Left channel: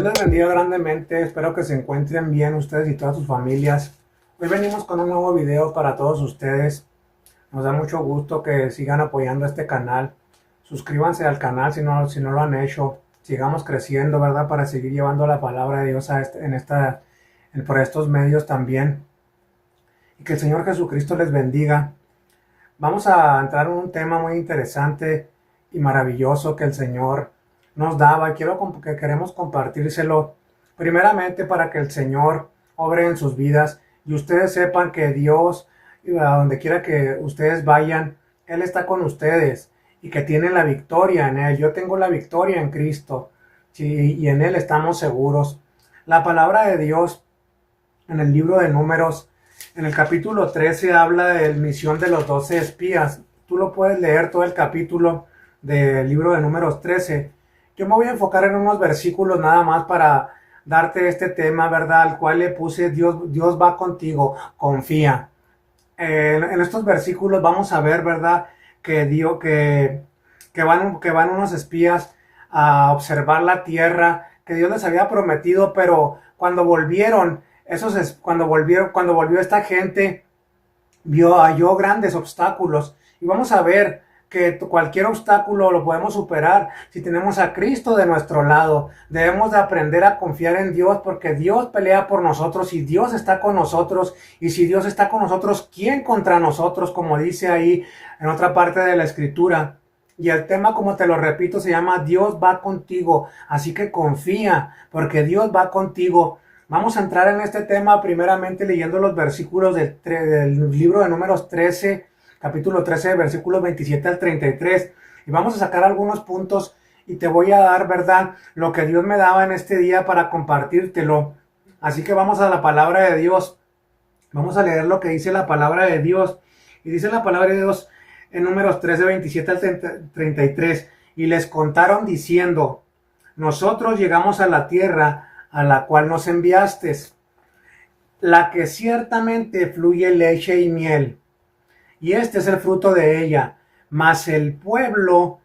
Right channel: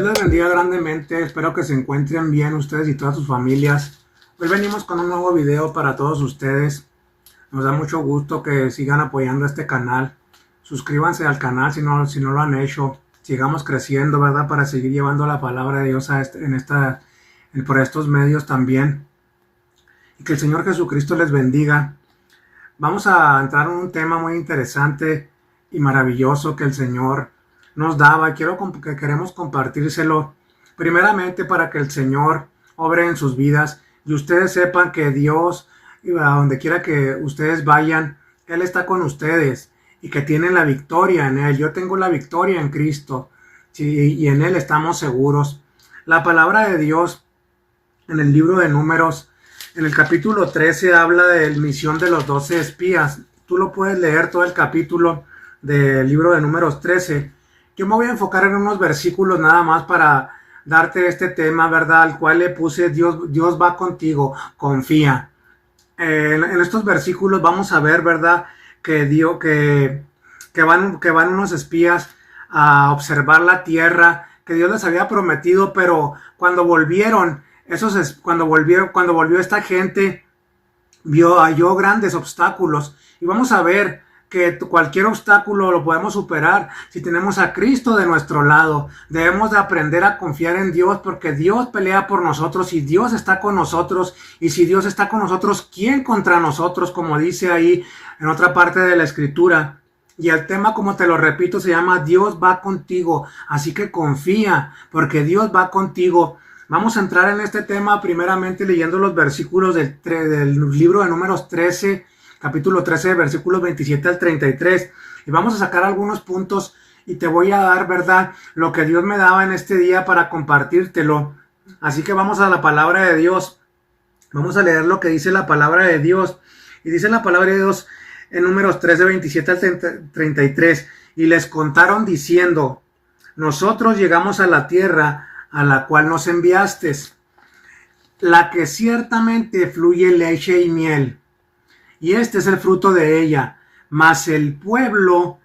Dios les bendiga grandemente, espero que se encuentren bien ustedes y todas sus familias. Hoy venimos con un nuevo video para todos ustedes. Nos da mucho gusto que sigan apoyando este canal. Suscríbanse al canal si no lo han hecho. Sigamos creciendo, ¿verdad? Para seguir llevando la palabra de Dios por estos medios también. Y que el Señor Jesucristo les bendiga. Vamos a entrar en un tema muy interesante y maravilloso que el Señor nos daba. Que queremos compartírselo primeramente para que el Señor obre en sus vidas y ustedes sepan que Dios, a donde quiera que ustedes vayan, Él está con ustedes y que tienen la victoria en Él. Yo tengo la victoria en Cristo, sí, y en Él estamos seguros. La palabra de Dios en el libro de Números, en el capítulo 13, habla de la misión de los 12 espías. Tú lo puedes leer todo el capítulo del libro de Números 13. Yo me voy a enfocar en unos versículos nada más para darte este tema, ¿verdad? Al cual le puse Dios va contigo, confía. En estos versículos vamos a ver, ¿verdad? Que van unos espías a observar la tierra que Dios les había prometido, pero cuando volvieron, cuando volvió esta gente, halló grandes obstáculos. Y vamos a ver que cualquier obstáculo lo podemos superar si tenemos a Cristo de nuestro lado. Debemos de aprender a confiar en Dios porque Dios pelea por nosotros y Dios está con nosotros. Y si Dios está con nosotros, ¿quién contra nosotros? Como dice ahí en otra parte de la Escritura. Y el tema, como te lo repito, se llama Dios va contigo. Así que confía porque Dios va contigo. Vamos a entrar en este tema primeramente leyendo los versículos del libro de Números 13, capítulo 13, versículos 27 al 33. Y vamos a sacar algunos puntos y te voy a dar, ¿verdad?, lo que Dios me daba en este día para compartírtelo. Así que vamos a la palabra de Dios. Vamos a leer lo que dice la palabra de Dios. Y dice la palabra de Dios en Números 13, 27 al 33. Y les contaron diciendo: nosotros llegamos a la tierra a la cual nos enviaste, la que ciertamente fluye leche y miel, y este es el fruto de ella. Mas el pueblo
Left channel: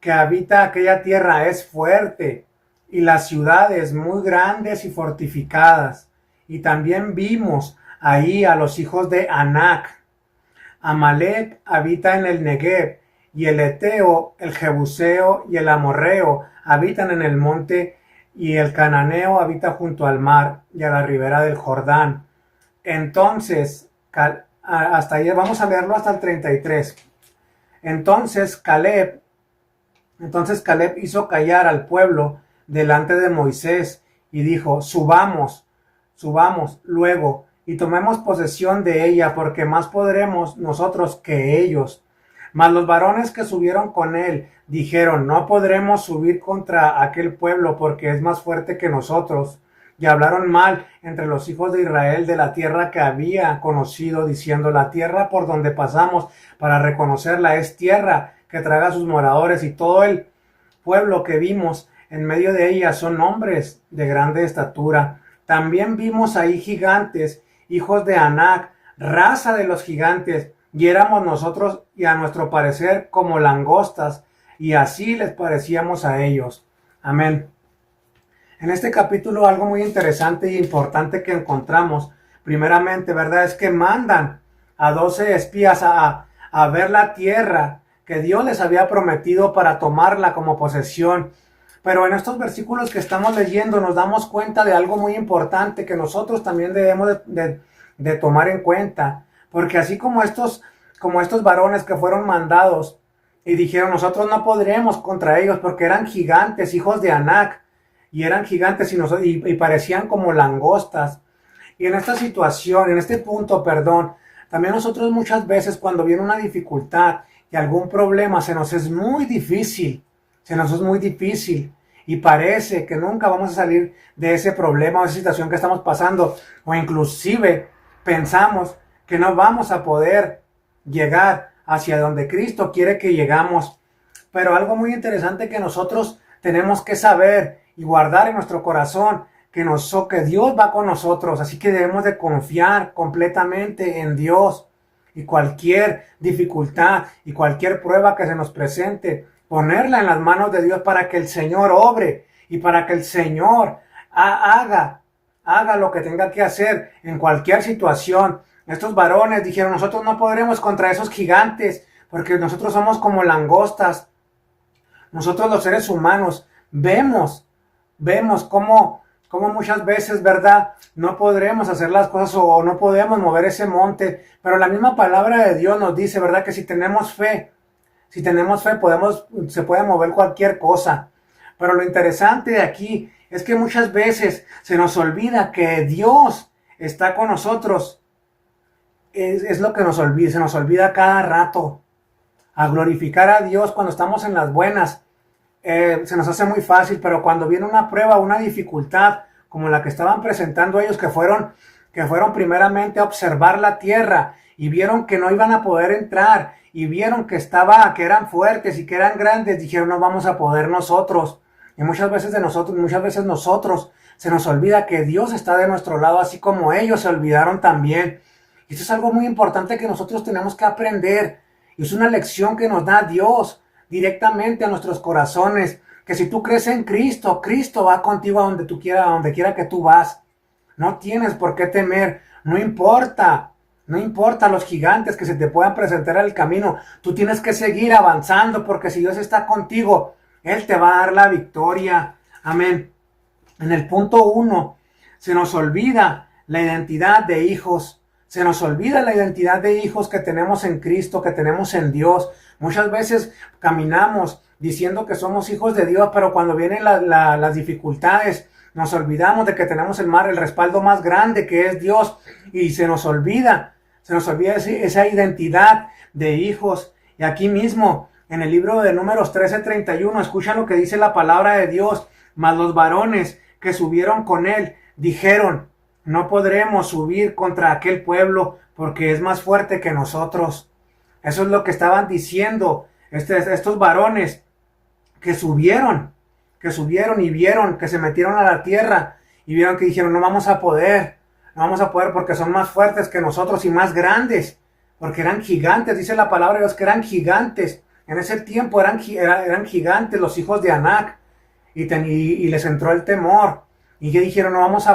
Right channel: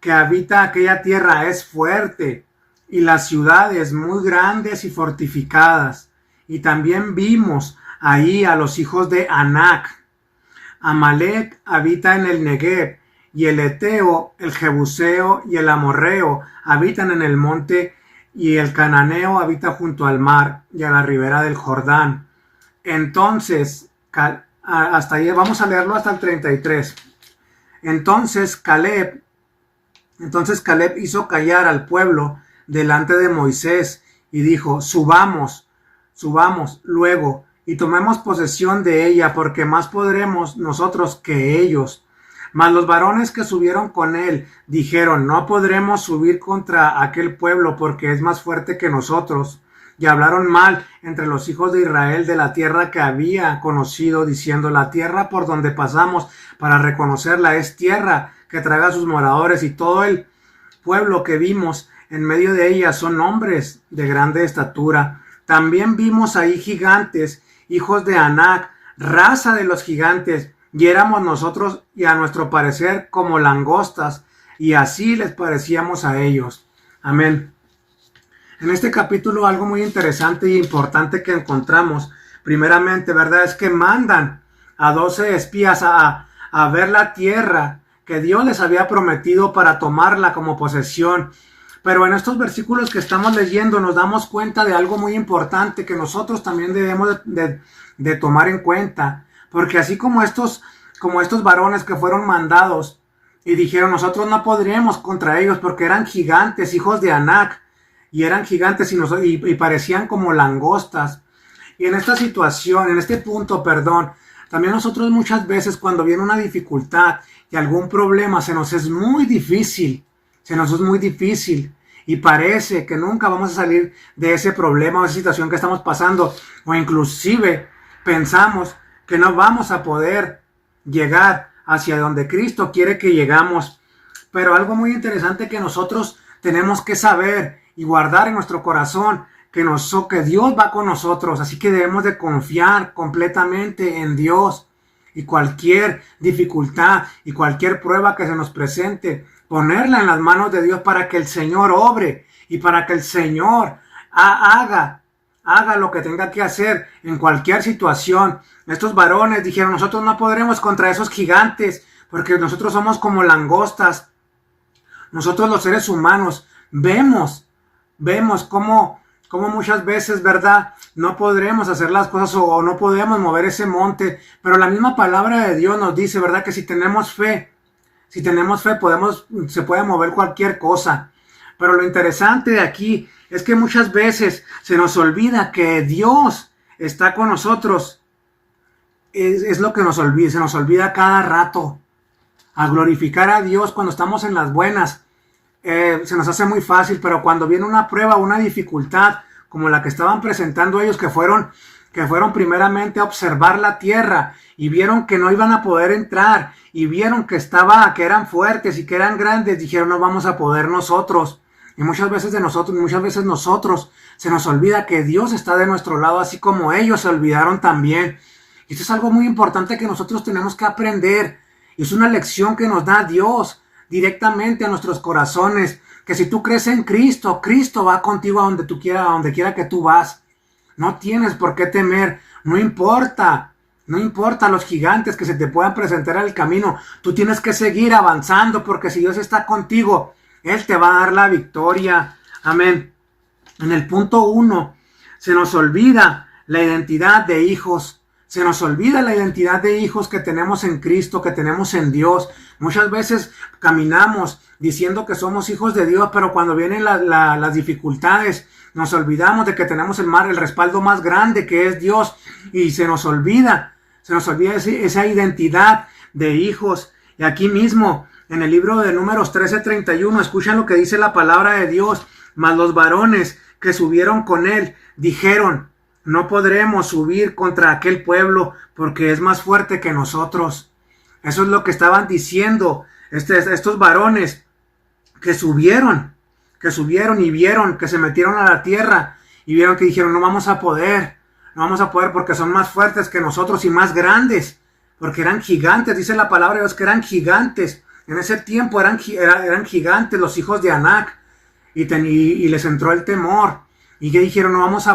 que habita aquella tierra es fuerte, y las ciudades muy grandes y fortificadas. Y también vimos ahí a los hijos de Anac. Amalek habita en el Negev, y el Eteo, el Jebuseo y el Amorreo habitan en el monte, y el cananeo habita junto al mar y a la ribera del Jordán. Entonces, hasta ahí vamos a leerlo hasta el 33. Entonces Caleb hizo callar al pueblo delante de Moisés y dijo: subamos luego y tomemos posesión de ella, porque más podremos nosotros que ellos. Mas los varones que subieron con él dijeron: no podremos subir contra aquel pueblo, porque es más fuerte que nosotros. Y hablaron mal entre los hijos de Israel de la tierra que había conocido, diciendo: la tierra por donde pasamos para reconocerla es tierra que traga a sus moradores, y todo el pueblo que vimos en medio de ella son hombres de grande estatura. También vimos ahí gigantes, hijos de Anac, raza de los gigantes, y éramos nosotros, y a nuestro parecer, como langostas, y así les parecíamos a ellos. Amén. En este capítulo algo muy interesante e importante que encontramos, primeramente, ¿verdad?, es que mandan a 12 espías a ver la tierra que Dios les había prometido para tomarla como posesión. Pero en estos versículos que estamos leyendo nos damos cuenta de algo muy importante que nosotros también debemos de tomar en cuenta. Porque así como estos varones que fueron mandados y dijeron: nosotros no podremos contra ellos porque eran gigantes, hijos de Anac, y eran gigantes y parecían como langostas. Y en esta situación, en este punto, también nosotros muchas veces cuando viene una dificultad y algún problema se nos es muy difícil y parece que nunca vamos a salir de ese problema o esa situación que estamos pasando, o inclusive pensamos que no vamos a poder llegar hacia donde Cristo quiere que llegamos. Pero algo muy interesante que nosotros tenemos que saber y guardar en nuestro corazón, que Dios va con nosotros, así que debemos de confiar completamente en Dios. Y cualquier dificultad y cualquier prueba que se nos presente, ponerla en las manos de Dios para que el Señor obre y para que el Señor haga lo que tenga que hacer en cualquier situación. Estos varones dijeron, nosotros no podremos contra esos gigantes, porque nosotros somos como langostas. Nosotros los seres humanos vemos cómo muchas veces, ¿verdad? No podremos hacer las cosas o no podemos mover ese monte, pero la misma palabra de Dios nos dice, ¿verdad? Que si tenemos fe, se puede mover cualquier cosa. Pero lo interesante de aquí es que muchas veces se nos olvida que Dios está con nosotros. Es lo que se nos olvida cada rato. A glorificar a Dios cuando estamos en las buenas, se nos hace muy fácil, pero cuando viene una prueba, una dificultad, como la que estaban presentando ellos, que fueron primeramente a observar la tierra, y vieron que no iban a poder entrar, y vieron que eran fuertes y que eran grandes, dijeron, no vamos a poder nosotros. Y muchas veces nosotros se nos olvida que Dios está de nuestro lado, así como ellos se olvidaron también. Y esto es algo muy importante que nosotros tenemos que aprender. Y es una lección que nos da Dios directamente a nuestros corazones. Que si tú crees en Cristo, Cristo va contigo a donde quiera que tú vas. No tienes por qué temer. No importa los gigantes que se te puedan presentar en el camino. Tú tienes que seguir avanzando, porque si Dios está contigo, Él te va a dar la victoria. Amén. En el punto 1, se nos olvida la identidad de hijos. Se nos olvida la identidad de hijos que tenemos en Cristo, que tenemos en Dios. Muchas veces caminamos diciendo que somos hijos de Dios, pero cuando vienen las dificultades, nos olvidamos de que tenemos el respaldo más grande, que es Dios, y se nos olvida esa identidad de hijos. Y aquí mismo, en el libro de Números 13:31, escuchan lo que dice la palabra de Dios. Mas los varones que subieron con él dijeron, no podremos subir contra aquel pueblo porque es más fuerte que nosotros. Eso es lo que estaban diciendo estos varones que subieron y vieron que se metieron a la tierra y vieron que dijeron, no vamos a poder porque son más fuertes que nosotros y más grandes, porque eran gigantes, dice la palabra de Dios que eran gigantes. En ese tiempo eran gigantes los hijos de Anac y les entró el temor. Y que dijeron, no vamos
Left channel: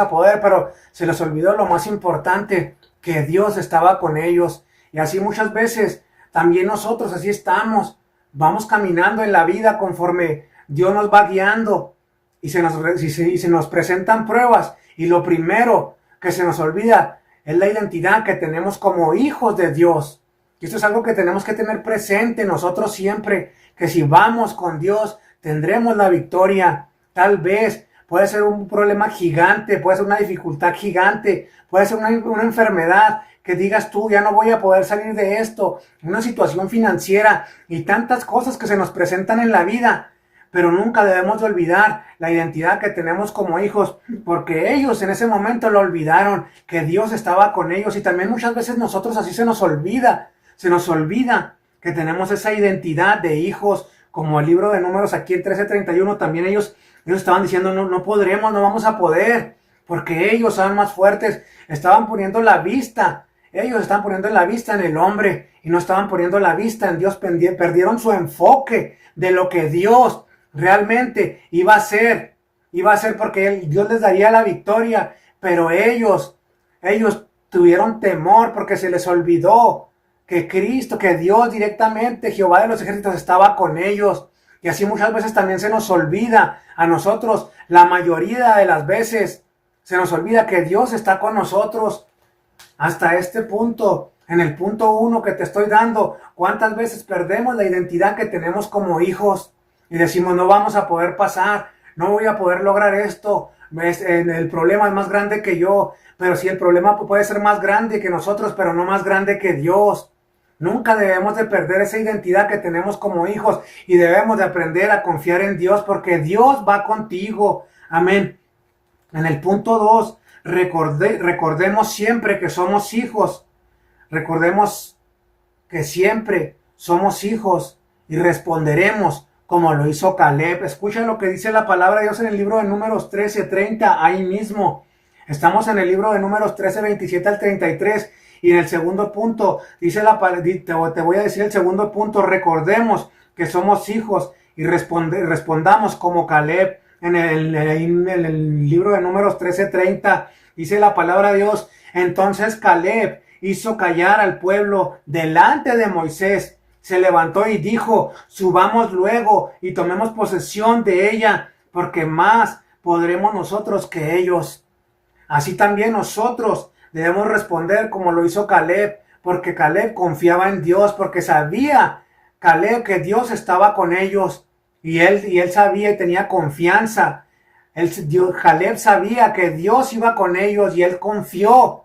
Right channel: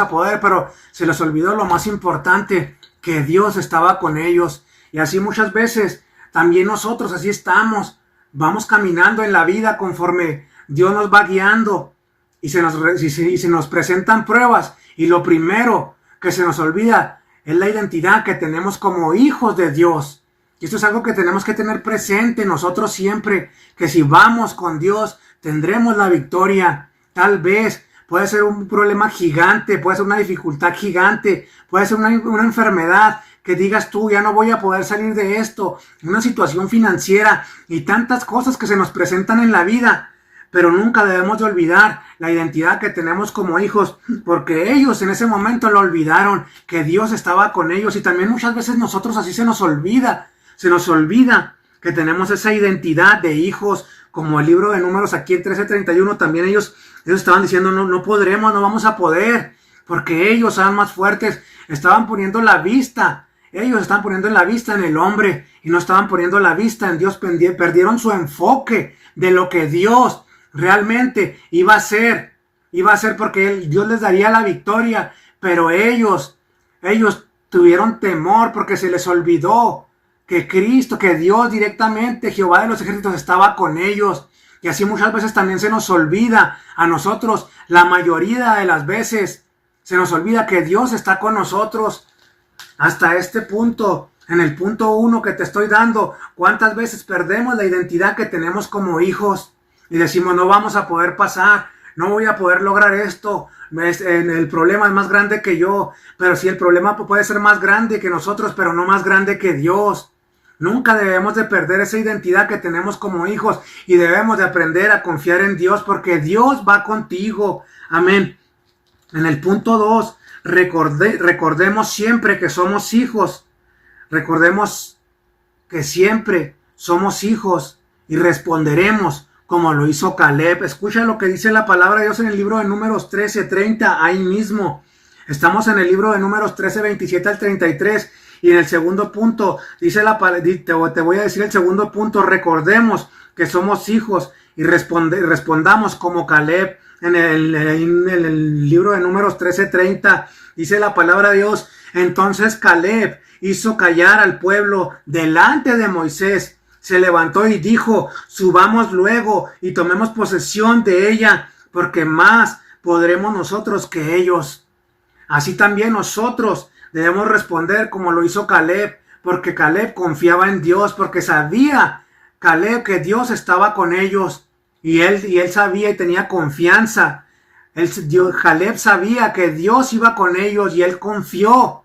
a poder, pero se les olvidó lo más importante, que Dios estaba con ellos. Y así muchas veces, también nosotros así estamos, vamos caminando en la vida conforme Dios nos va guiando, y se nos presentan pruebas, y lo primero que se nos olvida es la identidad que tenemos como hijos de Dios. Y esto es algo que tenemos que tener presente nosotros siempre, que si vamos con Dios, tendremos la victoria. Tal vez puede ser un problema gigante, puede ser una dificultad gigante, puede ser una enfermedad que digas tú, ya no voy a poder salir de esto, una situación financiera y tantas cosas que se nos presentan en la vida. Pero nunca debemos de olvidar la identidad que tenemos como hijos, porque ellos en ese momento lo olvidaron, que Dios estaba con ellos. Y también muchas veces nosotros así se nos olvida que tenemos esa identidad de hijos, como el libro de Números aquí en 13:31, también ellos estaban diciendo, no podremos, no vamos a poder, porque ellos son más fuertes. Estaban poniendo la vista, ellos estaban poniendo la vista en el hombre, y no estaban poniendo la vista en Dios. Perdieron su enfoque de lo que Dios realmente iba a hacer, porque Dios les daría la victoria, pero ellos tuvieron temor porque se les olvidó que Cristo, que Dios directamente, Jehová de los ejércitos, estaba con ellos. Y así muchas veces también se nos olvida a nosotros, la mayoría de las veces se nos olvida que Dios está con nosotros. Hasta este punto, en el punto 1 que te estoy dando, ¿cuántas veces perdemos la identidad que tenemos como hijos? Y decimos, no vamos a poder pasar, no voy a poder lograr esto, el problema es más grande que yo. Pero sí, el problema puede ser más grande que nosotros, pero no más grande que Dios. Nunca debemos de perder esa identidad que tenemos como hijos, y debemos de aprender a confiar en Dios, porque Dios va contigo. Amén. En el punto 2, recordemos siempre que somos hijos. Recordemos que siempre somos hijos y responderemos como lo hizo Caleb. Escucha lo que dice la palabra de Dios en el libro de Números 13:30, ahí mismo. Estamos en el libro de Números 13:27 al 33. Y en el segundo punto, te voy a decir el segundo punto, recordemos que somos hijos y respondamos como Caleb. en el libro de Números 13:30, dice la palabra de Dios: entonces Caleb hizo callar al pueblo delante de Moisés, se levantó y dijo: subamos luego y tomemos posesión de ella, porque más podremos nosotros que ellos. Así también nosotros debemos responder como lo hizo Caleb, porque Caleb confiaba en Dios, porque sabía Caleb que Dios estaba con ellos, y él sabía y tenía confianza. Caleb sabía que Dios iba con ellos y él confió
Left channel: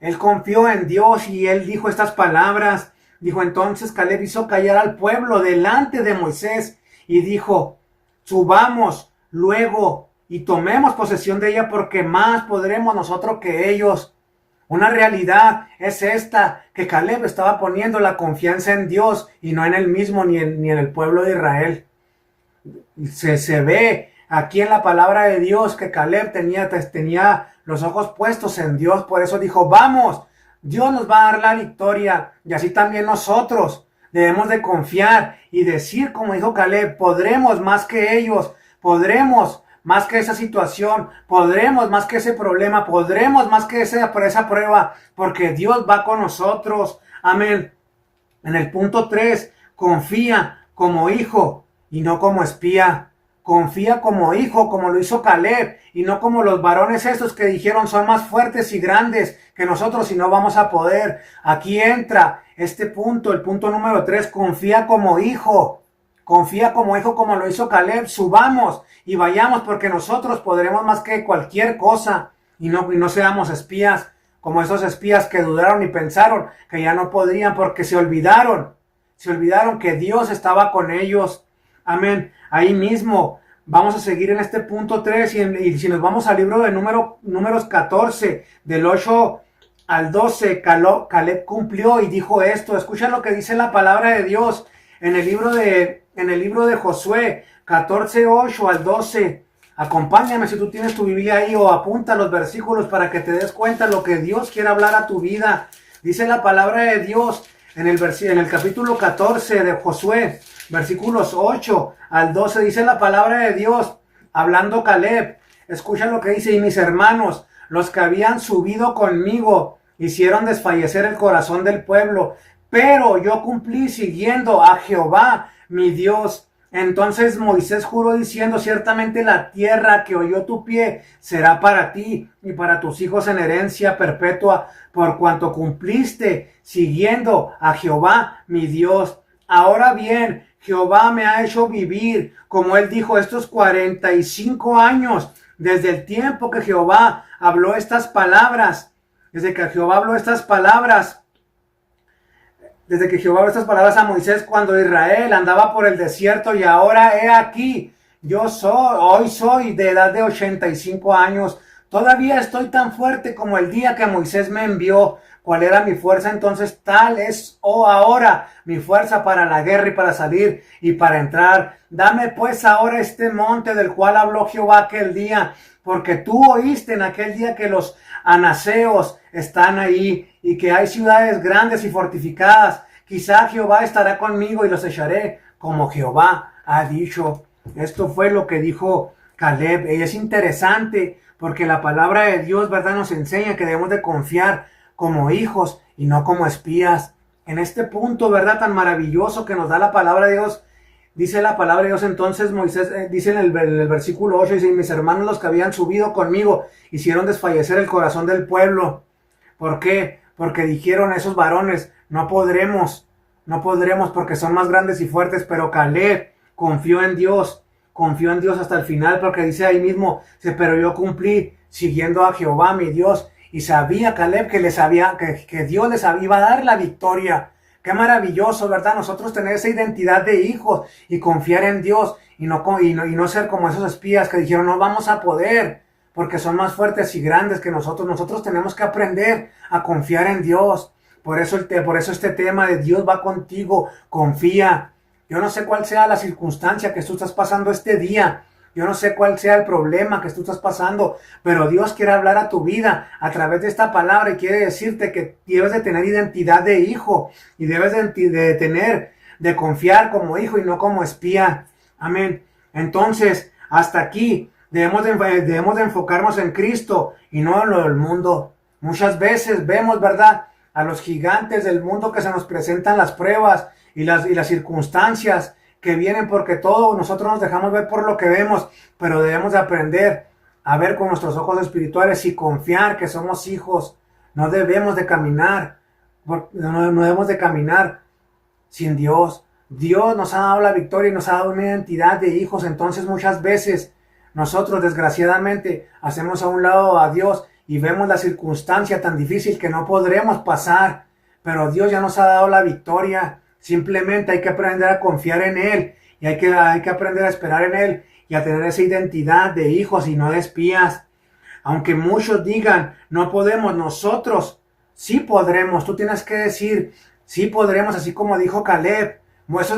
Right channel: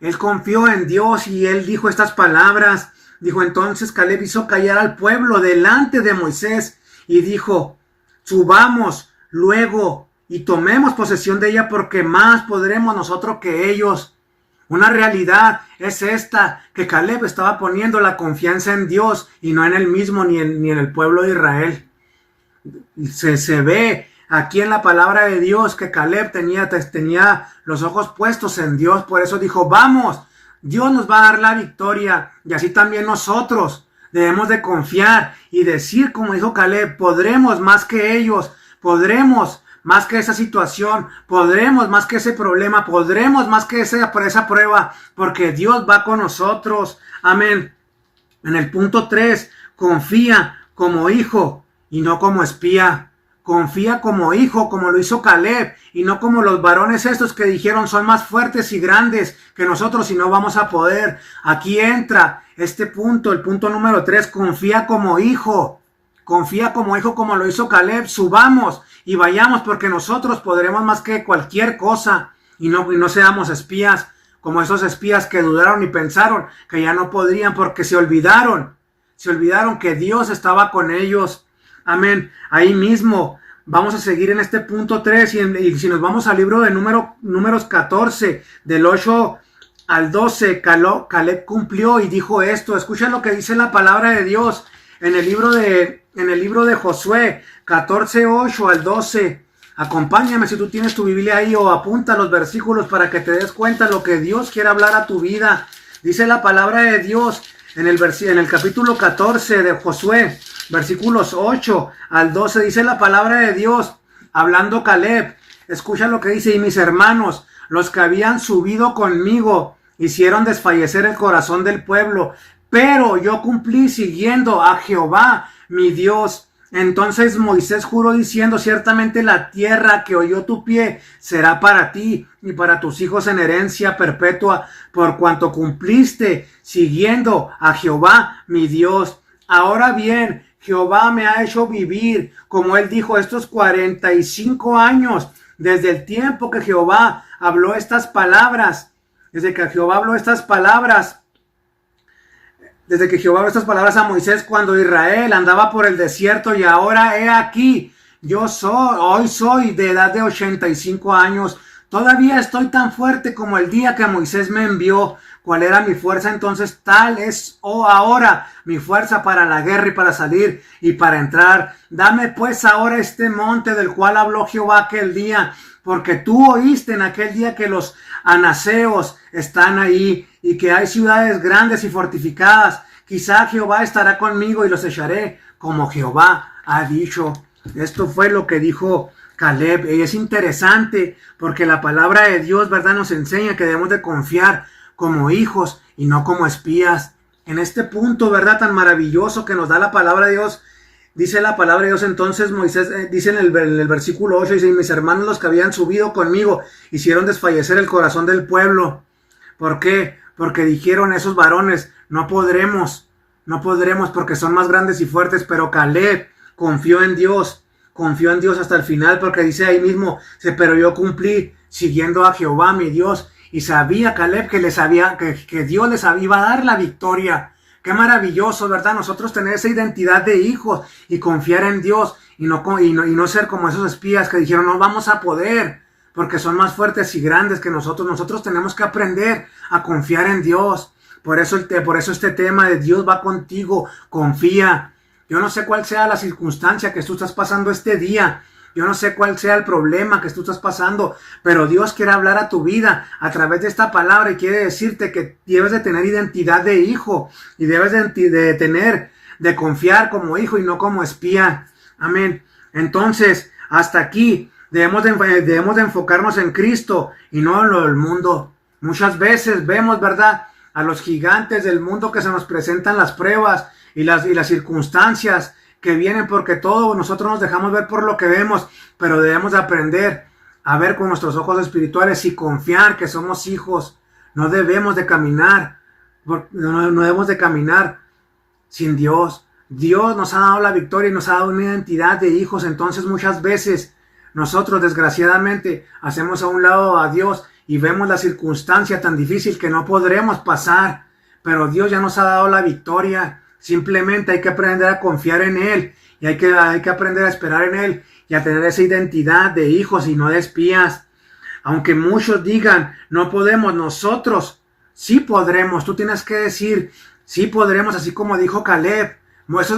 en Dios, y él dijo estas palabras. Dijo: entonces Caleb hizo callar al pueblo delante de Moisés y dijo: subamos luego y tomemos posesión de ella, porque más podremos nosotros que ellos. Una realidad es esta, que Caleb estaba poniendo la confianza en Dios y no en él mismo ni en el pueblo de Israel. Se ve aquí en la palabra de Dios que Caleb tenía los ojos puestos en Dios. Por eso dijo: vamos, Dios nos va a dar la victoria. Y así también nosotros debemos de confiar y decir como dijo Caleb: podremos más que ellos, podremos más que esa situación, podremos más que ese problema, podremos más que esa prueba, porque Dios va con nosotros. Amén. En el punto 3, confía como hijo y no como espía. Confía como hijo, como lo hizo Caleb, y no como los varones estos que dijeron: son más fuertes y grandes que nosotros y no vamos a poder. Aquí entra este punto, el punto número 3, confía como hijo. Confía como hijo, como lo hizo Caleb. Subamos y vayamos, porque nosotros podremos más que cualquier cosa, y no seamos espías, como esos espías que dudaron y pensaron que ya no podrían, porque se olvidaron que Dios estaba con ellos. Amén. Ahí mismo vamos a seguir en este punto 3, y si nos vamos al libro de Números 14, del 8 al 12, Caleb cumplió y dijo esto. Escucha lo que dice la palabra de Dios en el libro de Josué 14, 8 al 12. Acompáñame si tú tienes tu Biblia ahí, o apunta los versículos para que te des cuenta lo que Dios quiere hablar a tu vida. Dice la palabra de Dios en el capítulo 14 de Josué, versículos 8 al 12, dice la palabra de Dios, hablando Caleb. Escucha lo que dice: y mis hermanos, los que habían subido conmigo, hicieron desfallecer el corazón del pueblo, pero yo cumplí siguiendo a Jehová, mi Dios. Entonces Moisés juró diciendo: ciertamente la tierra que oyó tu pie será para ti y para tus hijos en herencia perpetua, por cuanto cumpliste siguiendo a Jehová, mi Dios. Ahora bien, Jehová me ha hecho vivir, como él dijo, estos 45 años, desde el tiempo que Jehová habló estas palabras, desde que Jehová habló estas palabras a Moisés cuando Israel andaba por el desierto, y ahora he aquí, hoy soy de edad de 85 años, todavía estoy tan fuerte como el día que Moisés me envió. ¿Cuál era mi fuerza entonces? Tal es ahora mi fuerza para la guerra y para salir y para entrar. Dame pues ahora este monte del cual habló Jehová aquel día, porque tú oíste en aquel día que los anaseos están ahí y que hay ciudades grandes y fortificadas. Quizá Jehová estará conmigo y los echaré, como Jehová ha dicho. Esto fue lo que dijo Caleb. Y es interesante porque la palabra de Dios, ¿verdad?, nos enseña que debemos de confiar como hijos y no como espías. En este punto, ¿verdad?, tan maravilloso que nos da la palabra de Dios, dice la palabra de Dios, entonces Moisés, dice en el versículo 8, dice: y mis hermanos, los que habían subido conmigo, hicieron desfallecer el corazón del pueblo. ¿Por qué? Porque dijeron esos varones: no podremos porque son más grandes y fuertes. Pero Caleb confió en Dios hasta el final, porque dice ahí mismo: pero yo cumplí siguiendo a Jehová, mi Dios. Y sabía Caleb que Dios les iba a dar la victoria. Qué maravilloso, ¿verdad? Nosotros tener esa identidad de hijos y confiar en Dios, y no ser como esos espías que dijeron: no vamos a poder porque son más fuertes y grandes que nosotros. Nosotros tenemos que aprender a confiar en Dios. Por eso este tema de Dios va contigo. Confía. Yo no sé cuál sea la circunstancia que tú estás pasando este día. Yo no sé cuál sea el problema que tú estás pasando, pero Dios quiere hablar a tu vida a través de esta palabra, y quiere decirte que debes de tener identidad de hijo, y debes de confiar como hijo y no como espía. Amén. Entonces, Hasta aquí debemos de enfocarnos en Cristo y no en lo del mundo. Muchas veces vemos, ¿verdad?, a los gigantes del mundo que se nos presentan las pruebas y las circunstancias que vienen, porque todos nosotros nos dejamos ver por lo que vemos, pero debemos de aprender a ver con nuestros ojos espirituales y confiar que somos hijos. No debemos de caminar, no debemos de caminar sin Dios. Dios nos ha dado la victoria y nos ha dado una identidad de hijos. Entonces muchas veces nosotros desgraciadamente hacemos a un lado a Dios y vemos la circunstancia tan difícil que no podremos pasar, pero Dios ya nos ha dado la victoria. Simplemente hay que aprender a confiar en Él y hay que aprender a esperar en Él y a tener esa identidad de hijos y no de espías. Aunque muchos digan, no podemos, nosotros sí podremos. Tú tienes que decir, sí podremos, así como dijo Caleb.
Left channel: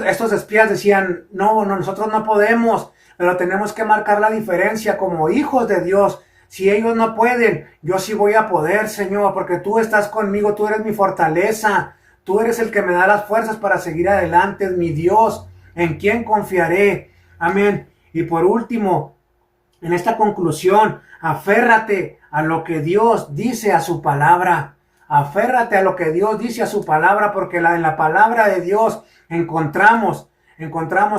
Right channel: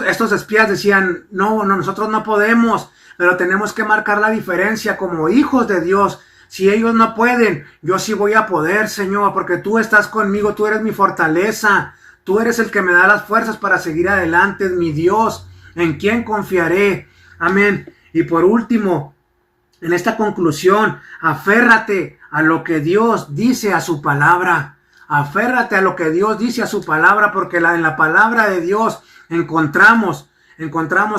Estos espías decían, no, nosotros no podemos, pero tenemos que marcar la diferencia como hijos de Dios. Si ellos no pueden, yo sí voy a poder, Señor, porque tú estás conmigo, tú eres mi fortaleza, tú eres el que me da las fuerzas para seguir adelante, es mi Dios, ¿en quién confiaré? Amén. Y por último, en esta conclusión, aférrate a lo que Dios dice a su palabra. Aférrate a lo que Dios dice a su palabra, porque en la palabra de Dios encontramos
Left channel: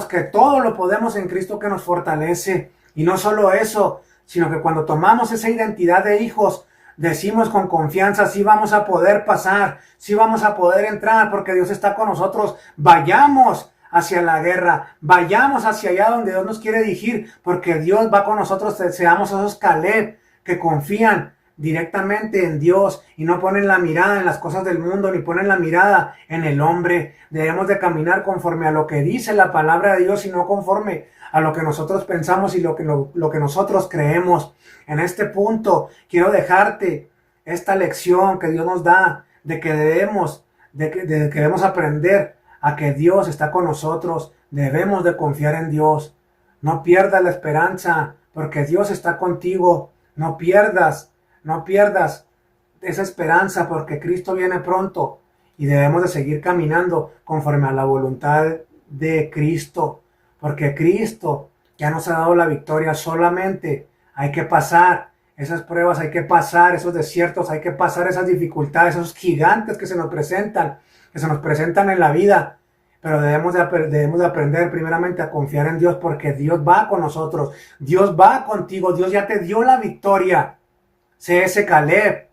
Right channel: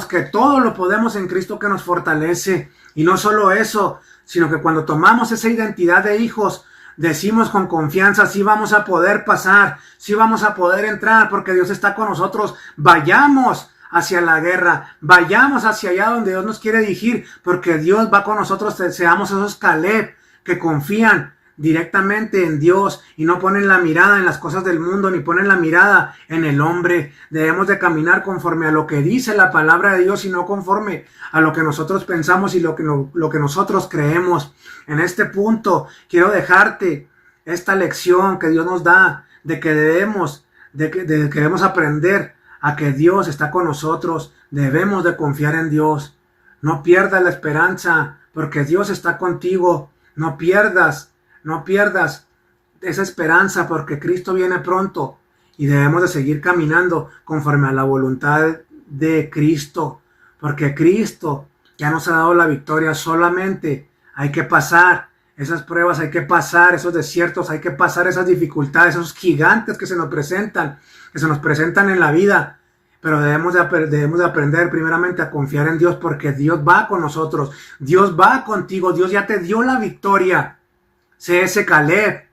que todo lo podemos en Cristo que nos fortalece. Y no solo eso, sino que cuando tomamos esa identidad de hijos, decimos con confianza, sí vamos a poder pasar, sí vamos a poder entrar, porque Dios está con nosotros. Vayamos hacia la guerra, vayamos hacia allá donde Dios nos quiere dirigir, porque Dios va con nosotros. Seamos esos Caleb que confían directamente en Dios y no ponen la mirada en las cosas del mundo ni ponen la mirada en el hombre. Debemos de caminar conforme a lo que dice la palabra de Dios y no conforme a lo que nosotros pensamos y lo que nosotros creemos. En este punto quiero dejarte esta lección que Dios nos da de que debemos aprender a que Dios está con nosotros. Debemos de confiar en Dios. No pierdas la esperanza porque Dios está contigo. No pierdas esa esperanza porque Cristo viene pronto y debemos de seguir caminando conforme a la voluntad de Cristo, porque Cristo ya nos ha dado la victoria. Solamente hay que pasar esas pruebas, hay que pasar esos desiertos, hay que pasar esas dificultades, esos gigantes que se nos presentan en la vida. Pero debemos de aprender primeramente a confiar en Dios, porque Dios va con nosotros, Dios va contigo, Dios ya te dio la victoria. Sé ese Caleb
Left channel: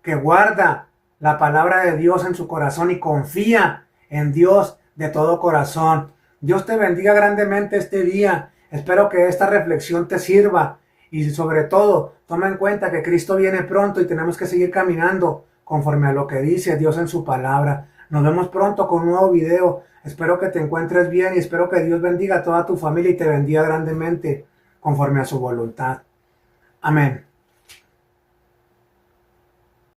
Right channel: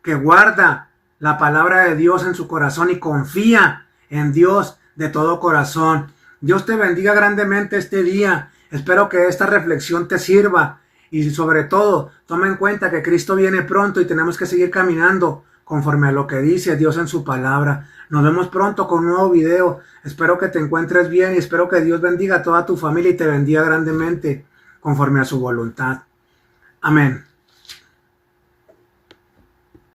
que guarda la palabra de Dios en su corazón y confía en Dios de todo corazón. Dios te bendiga grandemente este día. Espero que esta reflexión te sirva y sobre todo toma en cuenta que Cristo viene pronto y tenemos que seguir caminando conforme a lo que dice Dios en su palabra. Nos vemos pronto con un nuevo video. Espero que te encuentres bien y espero que Dios bendiga a toda tu familia y te bendiga grandemente conforme a su voluntad. Amén.